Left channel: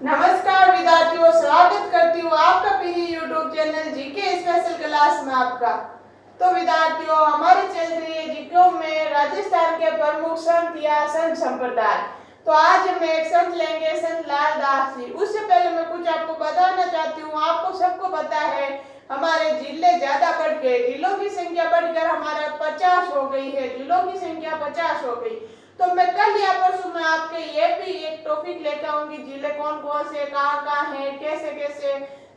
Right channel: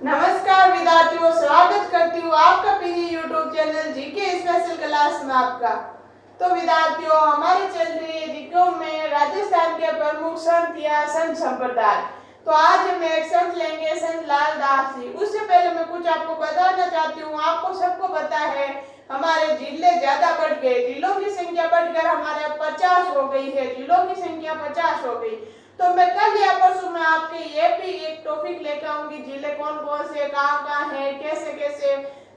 नमस्कार विद्यार्थियों, स्वागत करती हूँ आपका पीरी YouTube channel GK special class में आपका। तो विद्यार्थियों, हमारी चल रही है जीके में राजस्थान के प्रमुख संत या संत संप्रदाय। तो आज हम एक संत लेंगे, संत लाल दास जी। उससे पहले मैं कुछ आपको बताना चाहती हूँ। आपको सबको पता है हमारे जिले ज्यादा बढ़ गए, जिलों की संख्या बढ़कर हमारे 50 हो गई है, जिलों की संख्या 50 हो गई। तो मैं कल या परसों में आपके ये भी एक टॉपिक लेकर आऊंगी, जिले कौन कौन से कहाँ है, कैसे कैसे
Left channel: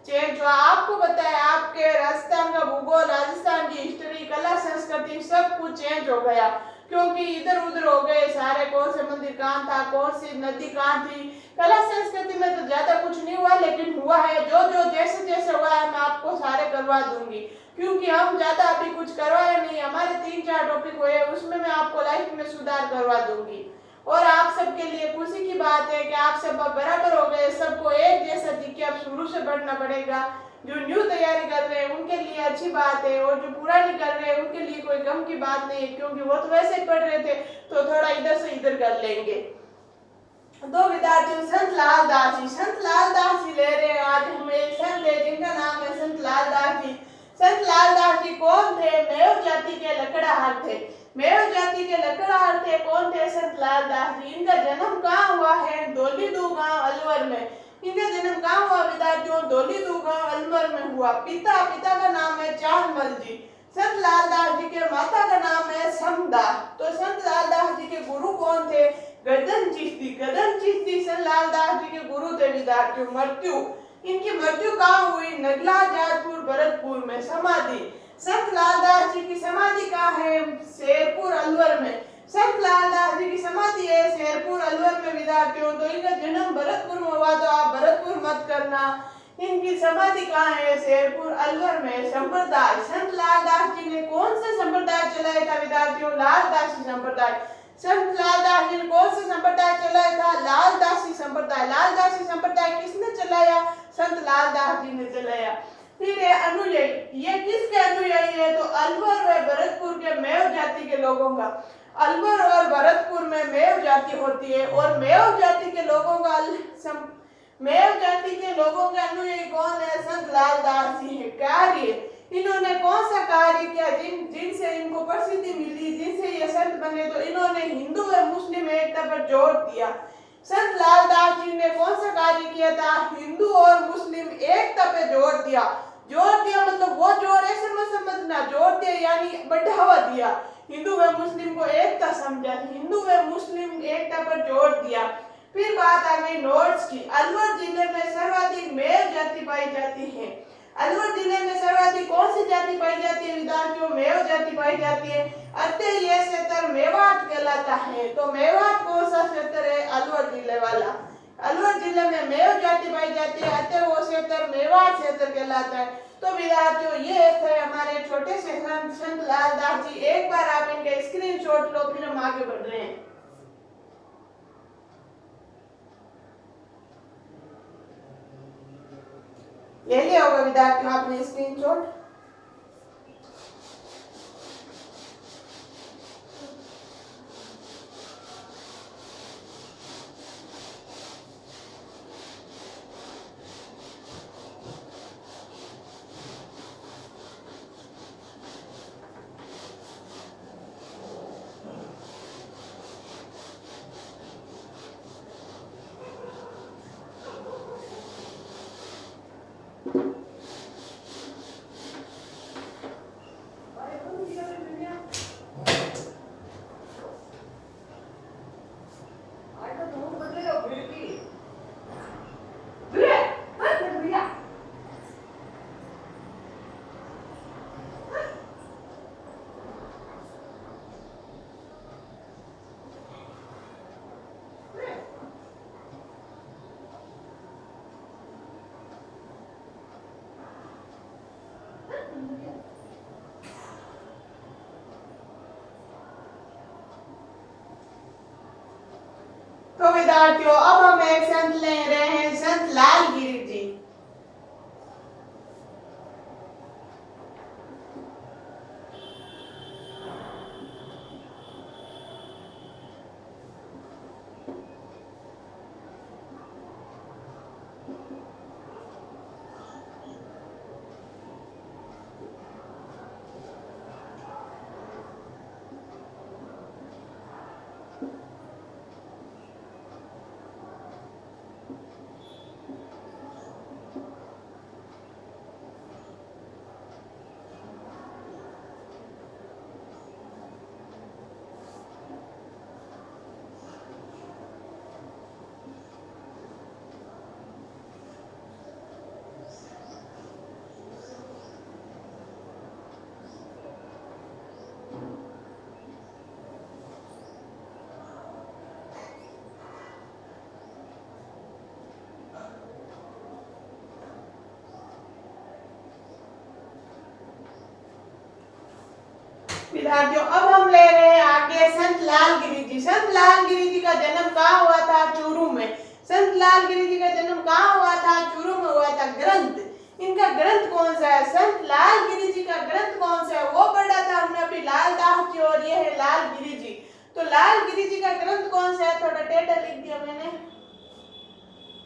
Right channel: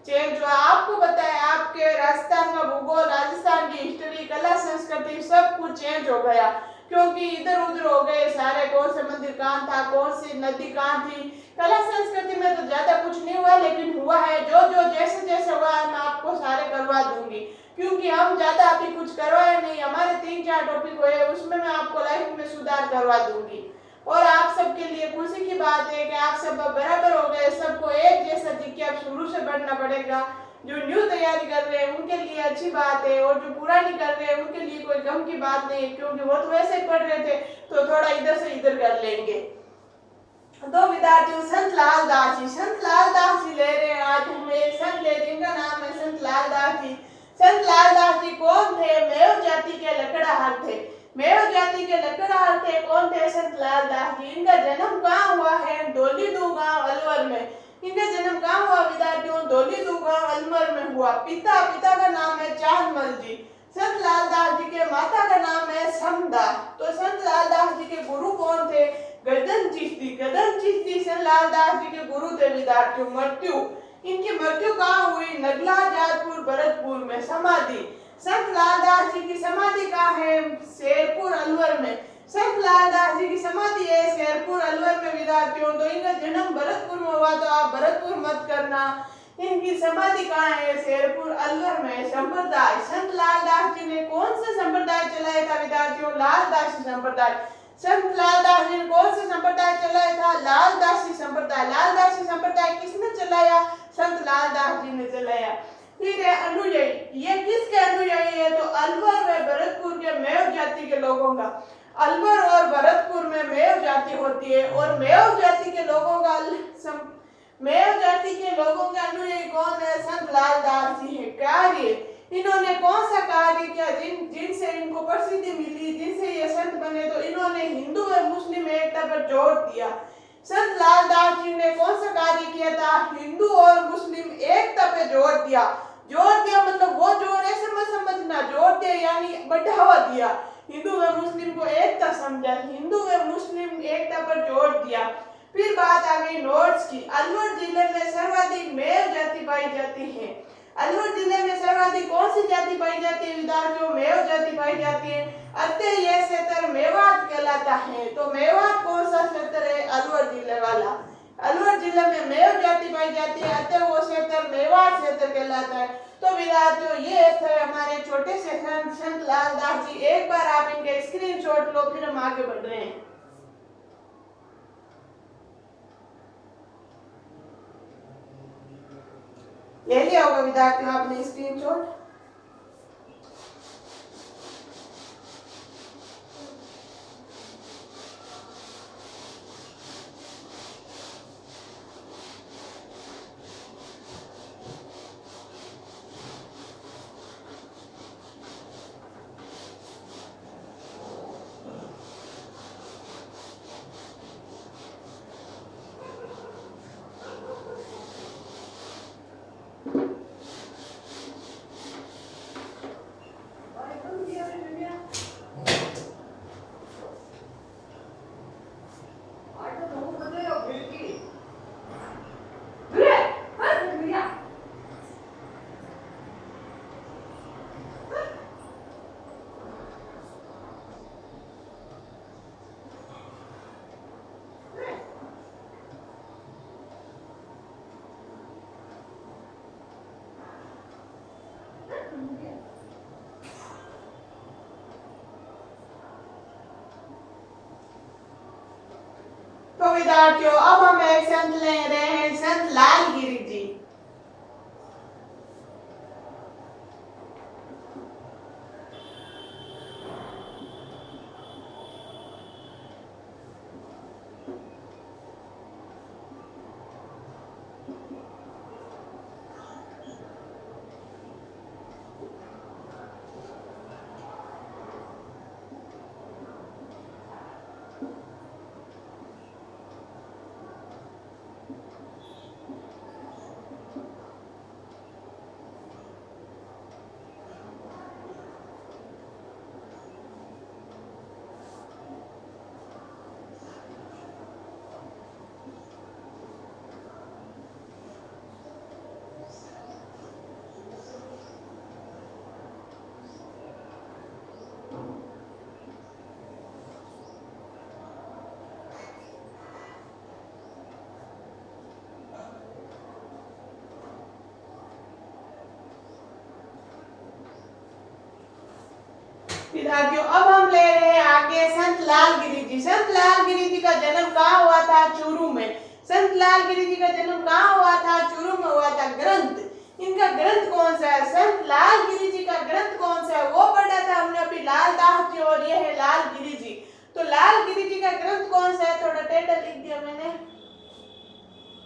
चेंज हुआ। आपको पता है आपके राजस्थान का भूगोल, राजस्थान की हिस्ट्री, कला संस्कृति सब कुछ चेंज हो गया, क्योंकि इधर उधर हो गए सारे। कौन से मंदिर कहाँ था, कौन सी नदी कहाँ थी। कला संस्कृति में तो ज्यादा कुछ नहीं हुआ, लेकिन हुआ है जो जो जैसे जैसे हुआ है मैं आपको सारे करवा दूंगी, क्योंकि हम ज्यादा अभी कुछ करवाए नहीं। हमारे 3-4 टॉपिक हुए, उसमें मैं आपको लाइफ में सुधार करवा दूंगी। और आप सबके लिए खुशी की बात है कि आप सब बराबर हो गए, सबको एक जैसा जीके अब शुरू से पढ़ना पड़ेगा। जो न्यू तैयारी कर रहे हैं उनके लिए अच्छी बात है, और जो पुरानी कर रहे हैं उनके लिए कोई गम की बात नहीं है, क्योंकि वो तो वैसे ही पढ़ रहे थे, तो थोड़ा इधर से इधर कर लेंगे। तो विद्यार्थियों, संत लाल दास जी, संत लाल दास जी ले रहे हैं आज हम एक संत है जिनका नाम है संत लाल दास जी। संत लाल दास जी कौन थे? मेव जाति के लकड़हार थे। मेव जाति के लकड़हार थे। कौन थे? संत लाल दास जी। इनका जन्म कहाँ हुआ है? धौलीदू गांव अलवर में। इनका जन्म कहाँ हुआ विद्यार्थियों? धौलीदू गांव अलवर में हुआ। पिता का नाम है चांदमल जी। संत लाल दास जी के माता का नाम है समदा। तो संत लाल दास जी के गुरु कौन थे? गदन चिश्ती। गदन चिश्ती संत लाल दास जी के गुरु थे विद्यार्थियों। मृत्यु, इनकी मृत्यु कहाँ हुई? नगला जाजपुर भरतपुर में। समाधि, संत लाल दास जी की समाधि कहाँ है? शेरपुर अलवर में। संत लाल दास जी की समाधि है शेरपुर अलवर में विद्यार्थियों। तो इनका जन्म भरतपुर में हुआ, तो आप भरतपुर मत करना। इनकी समाधि कहाँ है? शेरपुर अलवर में। संप्रदाय, संत लाल दास जी ने कौन से संप्रदाय चलाया था विद्यार्थियों? लाल दासी संप्रदाय। संत लाल दास जी ने कौन सा संप्रदाय चलाया था? लाल दासी संप्रदाय। लाल दासी संप्रदाय किसने चलाया? संत लाल दास जी ने चलाया। फिर है अनुयायी, ये किसके अनुयायी है? तो अलवर व भरतपुर के मेव जाति के लोगों का। अलवर और भरतपुर में मेव जाति होती है, और मेव जाति के लोगों का मेव जाति के लोगों के अनुयायी कौन है? संत लाल दास जी है। कार्य, इन्होंने कौन सा कार्य किया जिनसे इनको प्रसिद्धि मिली, जिनसे ये संत बने? तो इन्होंने हिंदू और मुस्लिम एकता पर जोर दिया। संत लाल दास जी ने कौन सा कार्य किया था? हिंदू और मुस्लिम एकता पे जोर दिया। जोर दिया मतलब वो जोर ऐसे मत समझना, जोर दिया यानी बढ़ावा दिया। हिंदू व मुस्लिम को एकता समझा, हिंदू व मुस्लिम एकता पर जोर दिया। फिर बात आ गई नोट्स की। अलवर जिले में सर्वाधिक मेव जाति पाई जाती है। अलवर जिले में सर्वाधिक कौन सी जाति पाई जाती है विद्यार्थियों? मेव जाति पाई जाती है। अतः यह क्षेत्र मेवात कहलाता है। तो मेवात कौन सा क्षेत्र है? अलवर जिले वाला। अलवर जिले में मेव जाति पाई जाती है, अतः वो क्षेत्र मेवात क्षेत्र कहलाता है। तो विद्यार्थियों, ये थे हमारे छोटे से संत लाल दास जी। एक बार आप इनके स्क्रीनशॉट लो, फिर हम आगे बढ़ रहे हैं। ले लिया होगा विद्यार्थियों आपने स्क्रीनशॉट। तो विद्यार्थियों, अब हम एक संत ले रहे हैं, संत लालगिरी जी। विद्यार्थियों अब हम ले रहे हैं आगे संत लालगिरी जी। संत लालगिरी जी का जन्म कहाँ हुआ था? चूरू में। संत लालगिरी जी का जन्म कहाँ हुआ था? चूरू में हुआ था। ग्रंथ, इनका ग्रंथ कौन सा है? संत लालगिरी जी का ग्रंथ कौन सा है वो पढ़ा था हमने अभी, लालदास जी, और ये है लालगिरी जी। तो लालगिरी जी का ग्रंथ कौन सा है? थोड़ा टेढ़ा लिख दिया मैंने,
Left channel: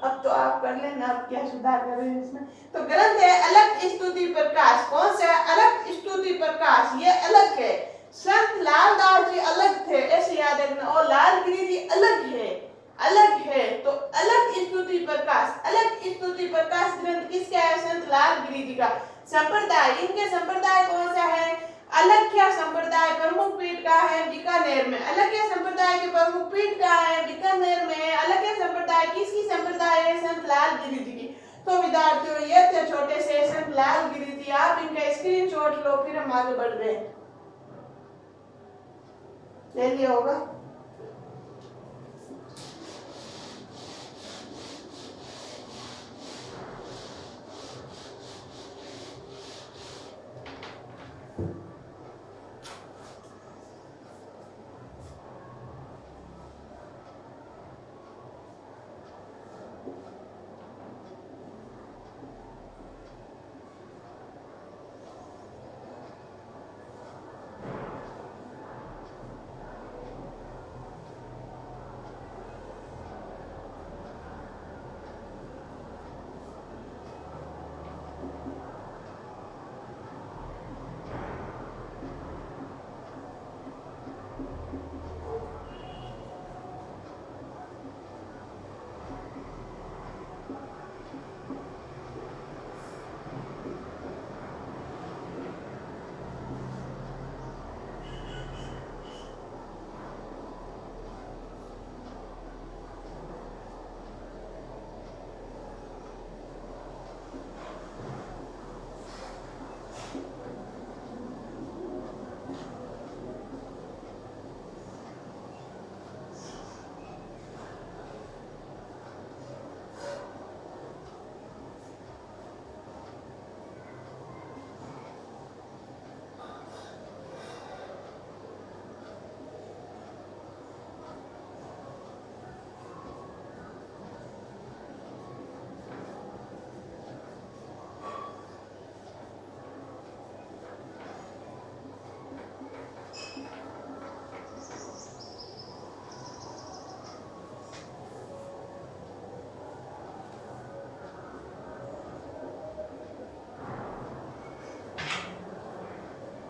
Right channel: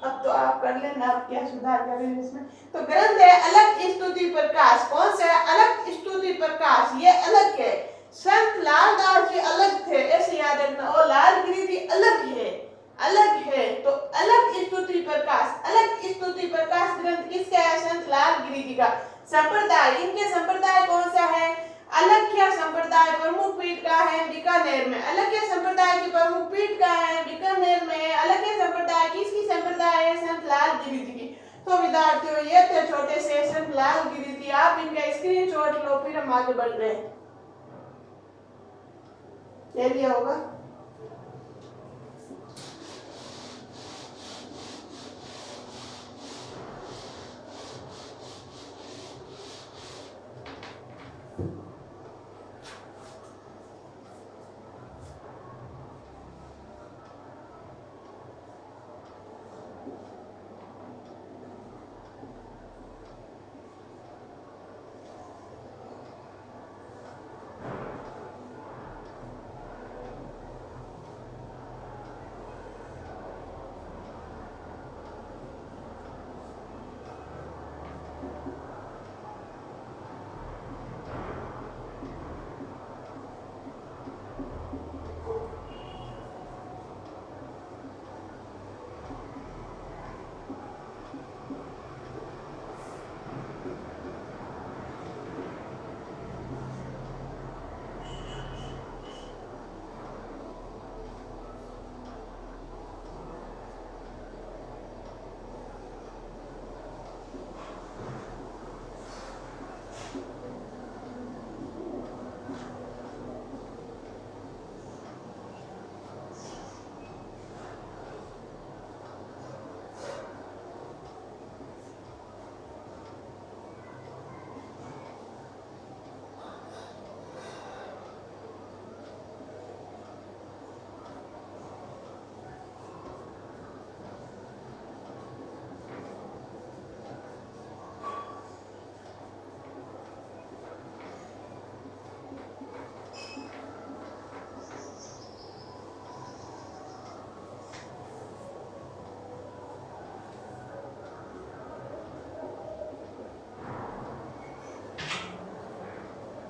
अब तो आप कर लेना, आप क्या सुधार करें इसमें। तो ग्रंथ है अलग स्तुति प्रकाश। कौन सा है? अलग स्तुति प्रकाश, ये अलग है। संत लालदास जी अलग थे, ऐसे याद रखना, और लालगिरी जी अलग है, अलग है। तो अलग स्तुति प्रकाश, अलग स्तुति प्रकाश ग्रंथ किसका है? संत लालगिरी जी का। संप्रदाय, इनके संप्रदाय कौन सा है? अलख्या संप्रदाय प्रमुख पीठ का है बीकानेर में। अलख्या संप्रदाय की प्रमुख पीठ का है बीकानेर में। अलख्या संप्रदाय किसकी संप्रदाय है? संत लालगिरी जी की। तो विद्यार्थियों ये थे छोटे से संत लालगिरी जी, आप इनका स्क्रीनशॉट लो, फिर हम आगे बढ़ रहे हैं। ले लिया होगा।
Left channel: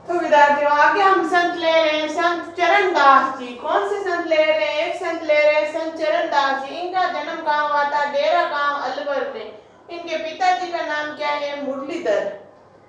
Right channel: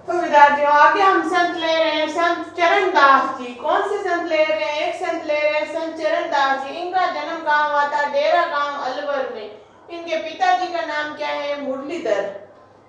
तो विद्यार्थियों आगे हम संत ले रहे हैं संत चरणदास जी। कौन से संत ले रहे हैं? एक संत ले रहे हैं संत चरणदास जी। इनका जन्म कहाँ हुआ था? डेरा गांव अलवर में। इनके पिताजी का नाम क्या है? मुरलीधर।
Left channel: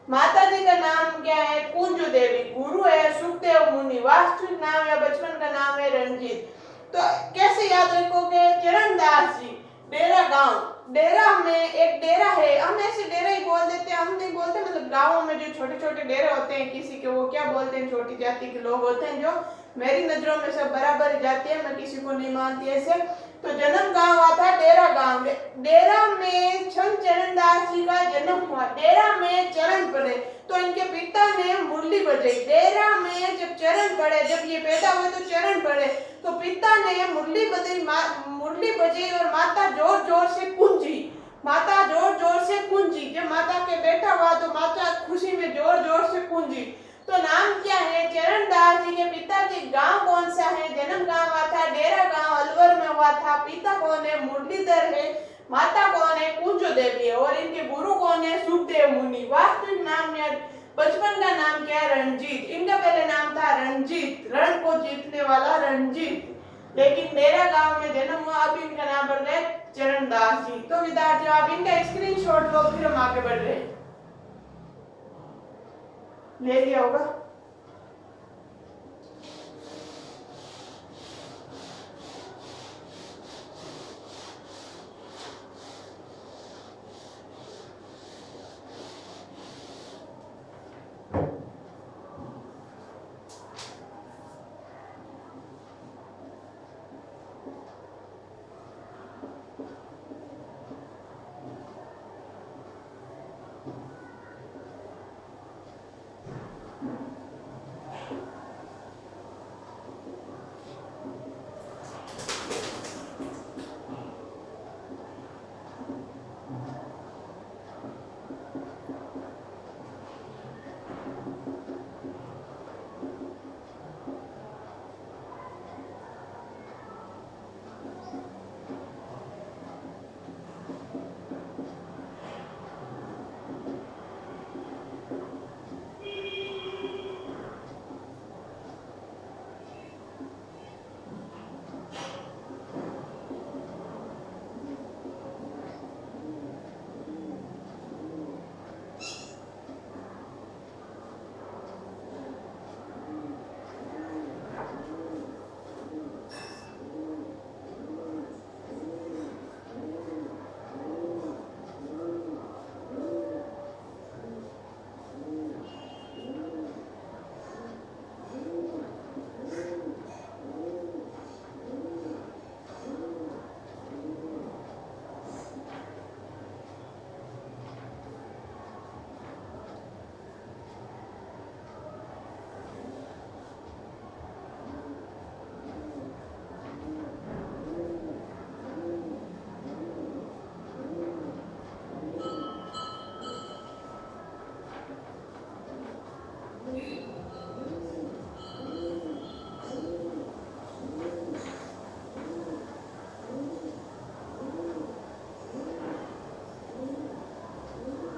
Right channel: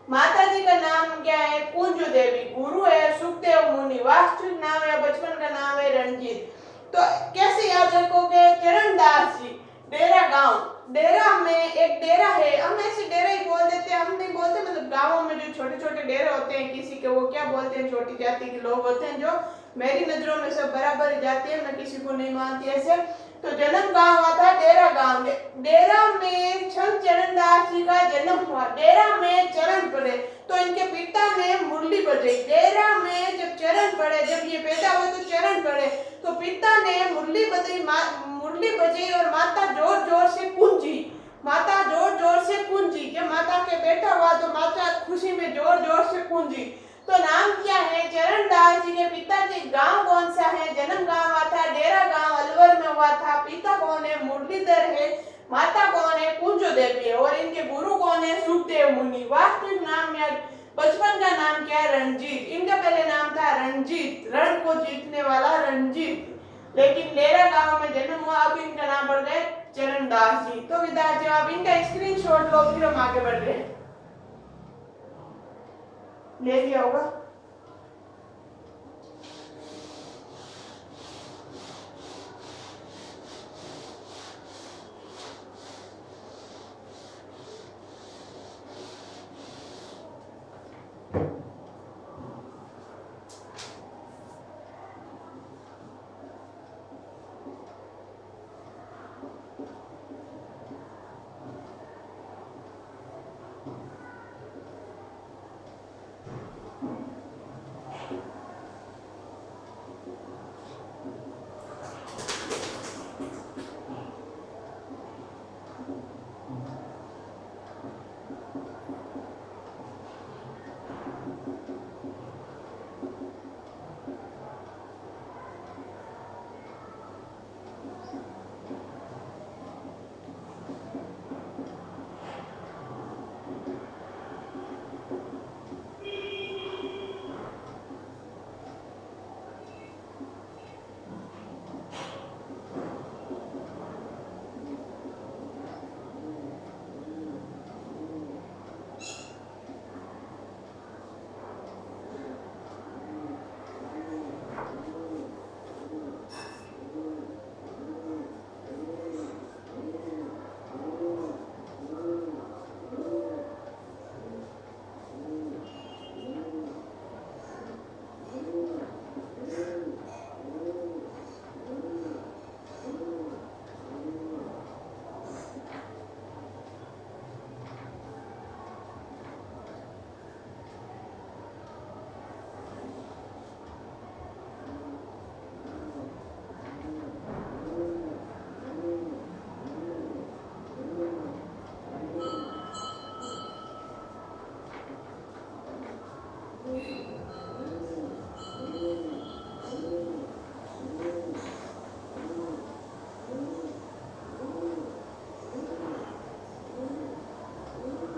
माता जी का नाम क्या है? कुंजू देवी। गुरु है सुखदेव मुनि। वास्तविक नाम या बचपन का नाम है रंजीत। तो कैसे याद रखोगे? चरणदास जी, डेरा गांव, डेरा में एक डेरा है, हम ऐसे डेरा ही बोल देते हैं, हम नहीं बोलते, मतलब गांवों में जो छोटे छोटे डेरे होते हैं किसी के, वो क्या बोलते हैं, छोटी जाति के लोग होते हैं, जो मेरी नजरों में सब बराबर जाती है, मैं किसी को नहीं मानती ऐसे। तो जन्म कहाँ हुआ था? डेरा गांव में। डेरा में संत चरणदास जी का जन्म हुआ। डेरा में चरण पड़े तो इनके पिता ने मुरली बजाई। डेरा में जब चरण पड़े, जब ये पैदा हुए तो चरण पड़े, तो पिता ने मुरली बजाई, मुरली बजाई और माता जोर जोर से कुंजी। माता जोर जोर से कुंजी। जब माता के बेटा हुआ तो माता खुशी में जोर जोर से कुंजी। तो नाम क्या है? चरणदास जी के पिताजी। गांव कौन सा है? जन्म कहाँ हुआ था? डेरा गांव अलवर में हुआ था। पिता कौन है? मुरलीधर है। माता कौन है? कुंजो देवी है। और इनके गुरु कौन है? सुखदेव मुनि। वास्तविक नाम या बचपन का नाम क्या? रंजीत। इनका पहले नाम था रंजीत, रण को जीतने वाला रंजीत, लेकिन डेरा गांव में जन्म हुआ, अब इनका नाम पड़ गया चरणदास जी। तो विद्यार्थियों आप इनका स्क्रीनशॉट लो, फिर हम आगे बढ़ रहे हैं। ले लिया होगा।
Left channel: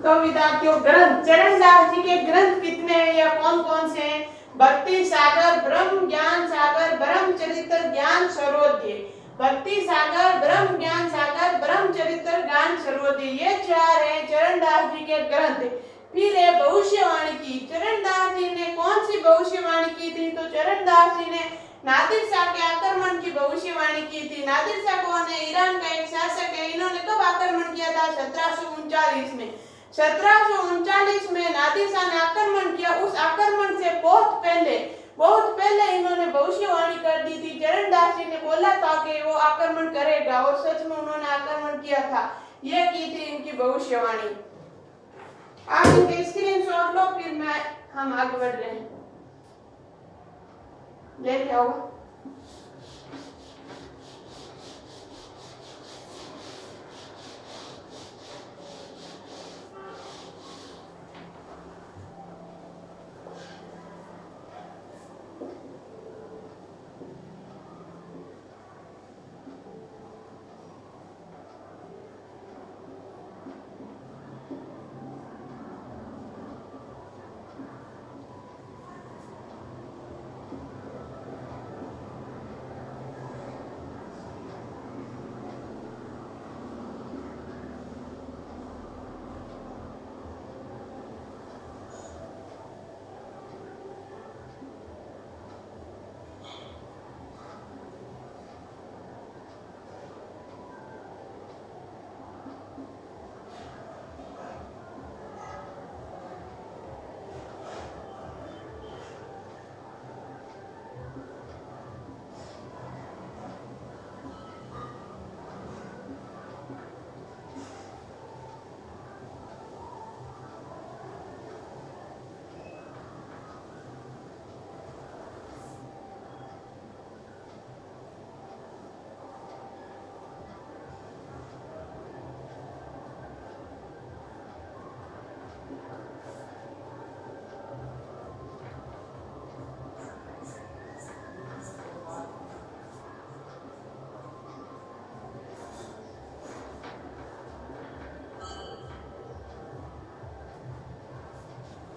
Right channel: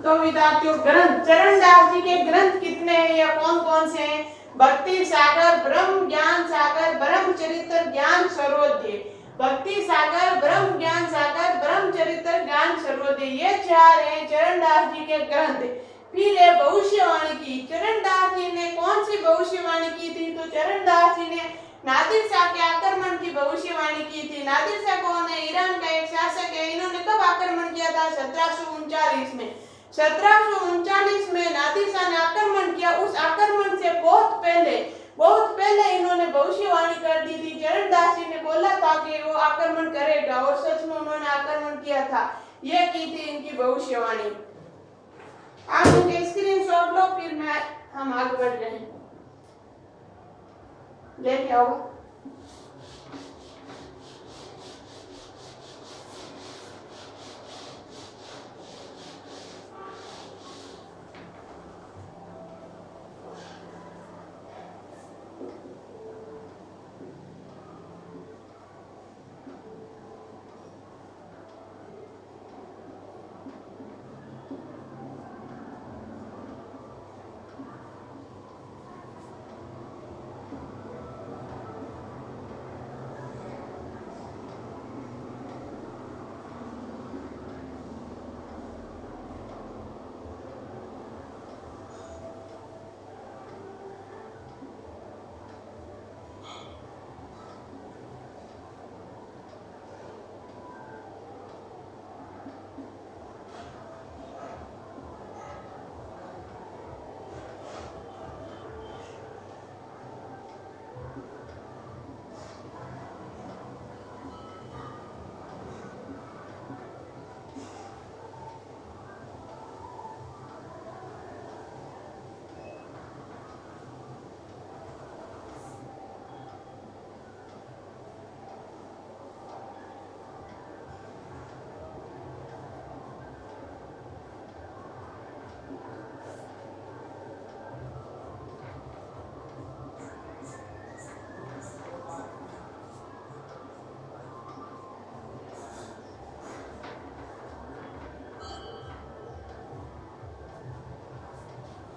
तो विद्यार्थियों ग्रंथ, चरणदास जी के ग्रंथ कितने हैं या कौन कौन से हैं? भक्ति सागर, ब्रह्म ज्ञान सागर, ब्रह्मचरित्र, ज्ञान सर्वोदय। भक्ति सागर, ब्रह्म ज्ञान सागर, ब्रह्मचरित्र, ज्ञान सर्वोदय, ये चार हैं चरणदास जी के ग्रंथ। फिर है भविष्यवाणी की। चरणदास जी ने कौन सी भविष्यवाणी की थी? तो चरणदास जी ने नादिर शाह के आक्रमण की भविष्यवाणी की थी। नादिर शाह कौन है? ईरान का एक शासक है। इन्होंने कब आक्रमण किया था? 1739 में। 1739 में नादिर शाह ने आक्रमण किया। उस आक्रमण से बहुत पहले इन्होंने भविष्यवाणी कर दी थी। चरणदास जी ने बोला था कि वो आक्रमण करेगा और सच में उन्होंने आक्रमण किया था। यह की थी इनकी भविष्यवाणी। आप इनके स्क्रीनशॉट लो, फिर हम आगे बढ़ रहे हैं। लेके आओ।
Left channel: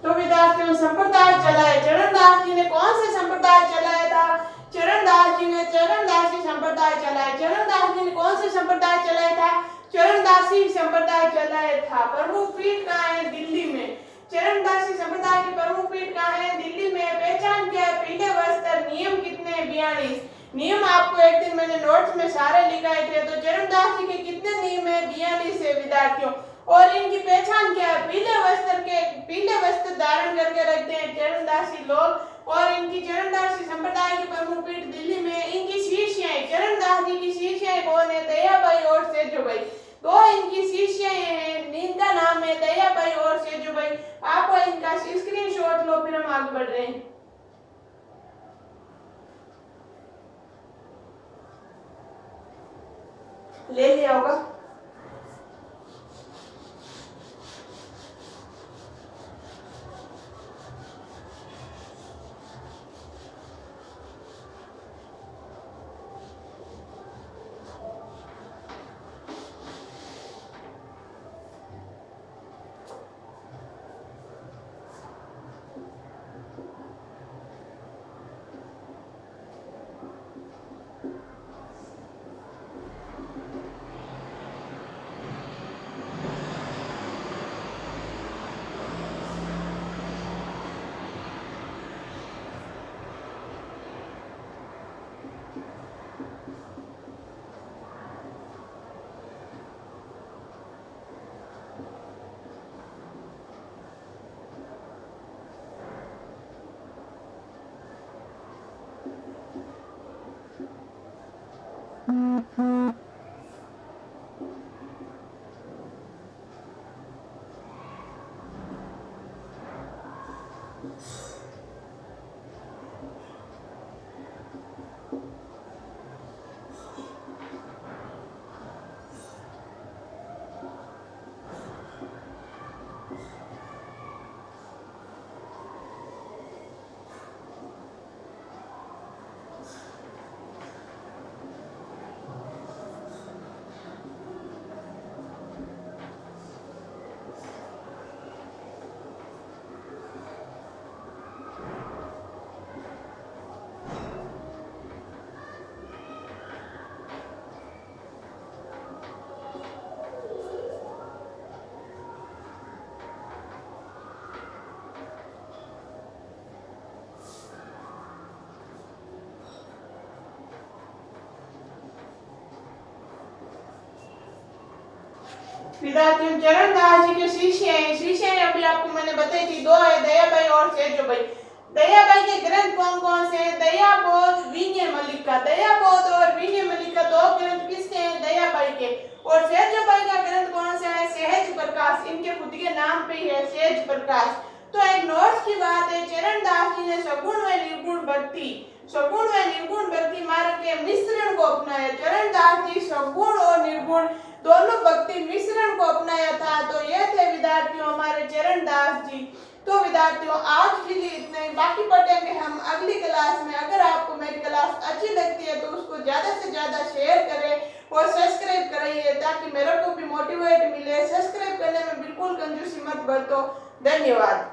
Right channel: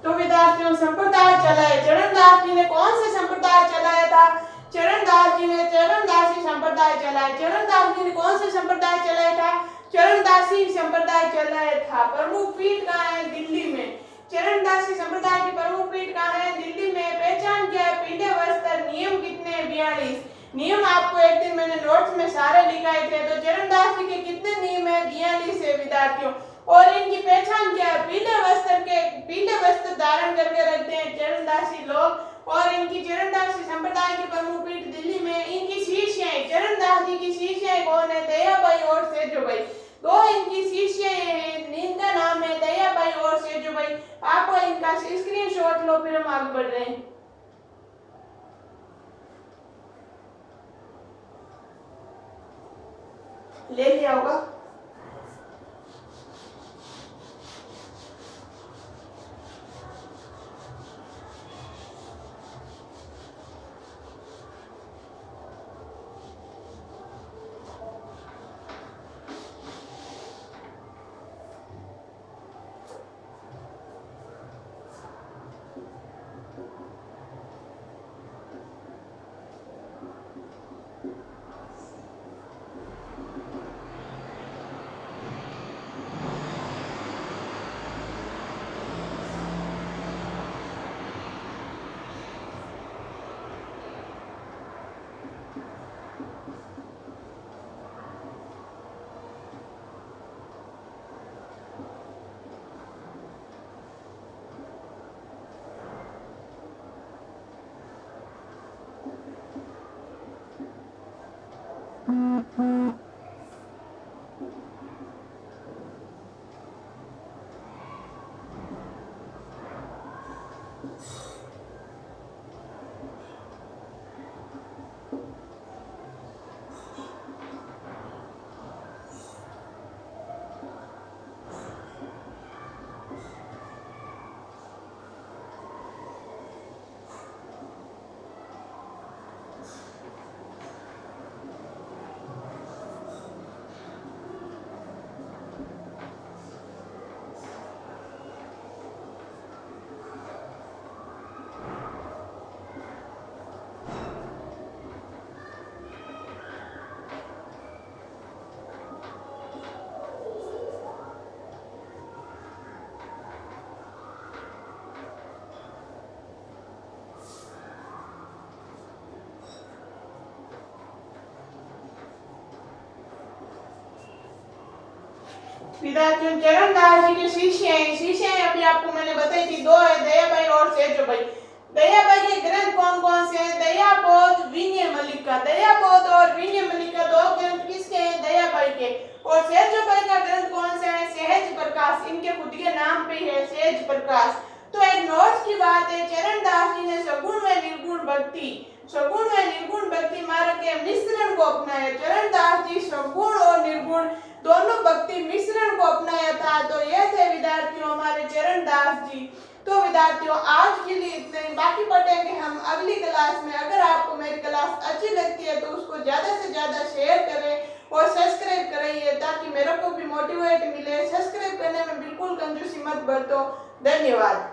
तो विद्यार्थियों संप्रदाय चलाए। चरणदास जी ने कौन से संप्रदाय चलाया था? चरणदास जी ने चरणदासी संप्रदाय चलाया। चरणदास जी ने कौन से संप्रदाय चलाया था? चरणदासी संप्रदाय चलाया था। प्रमुख पीठ कहाँ है? दिल्ली में। चरणदासी संप्रदाय की प्रमुख पीठ कहाँ है? दिल्ली में। पहचान क्या है? पीले वस्त्र। नियम कितने हैं? 42 नियम। आपको एक दिन मैंने नोट्स में सारे लिखाए थे। तो चरणदास जी के कितने नियम है? 42 है विद्यार्थियों। और इनकी पहचान क्या है? पीले वस्त्र धारण करके रखते हैं चरणदासी लोग। और इनकी चरणदासी संप्रदाय की प्रमुख पीठ दिल्ली में। इनकी शिष्य चरणदास जी की शिष्य कौन है? दयाबाई और सेजोबाई। दो इनकी शिष्य हैं, इनका नाम है दयाबाई और सेजोबाई। आप इनका स्क्रीनशॉट लो, फिर हम आगे बढ़ रहे हैं। ले लिया होगा। विद्यार्थियों चरणदास जी के शिष्य अभी आपको मैंने बताई थी, दो है, दयाबाई और सेजो भाई। दयाबाई के ग्रंथ कौन कौन से हैं? दयाबोध, विनय मल्लिका। दयाबोध और विनय मल्लिका दो ग्रंथ किसके हैं? दयाबाई के। और सेजोबाई का ग्रंथ कौन सा है? सहज प्रकाश। इनके खुद के नाम पे है सहज प्रकाश। तो एक नोट्स की बात है, चरणदास जी ने सगुण व निर्गुण भक्ति मार्ग के मिश्रण को अपनाया। चरणदास जी सगुण और निर्गुण दोनों भक्ति मिश्रण को अपनाया था। तो ये थे विद्यार्थियों हमारे चरणदास जी। तो विद्यार्थियों आज के लिए इतना ही, बाकी पढ़ेंगे हम अगली क्लास में। अगर आपको मेरी क्लास अच्छी लगती है तो उसको ज्यादा से ज्यादा शेयर करें और सब्सक्राइब कराइए ताकि मेरे को भी मोटिवेट मिले। सब्सक्राइब करने में बिल्कुल कंजूसी मत बरतो। धन्यवाद।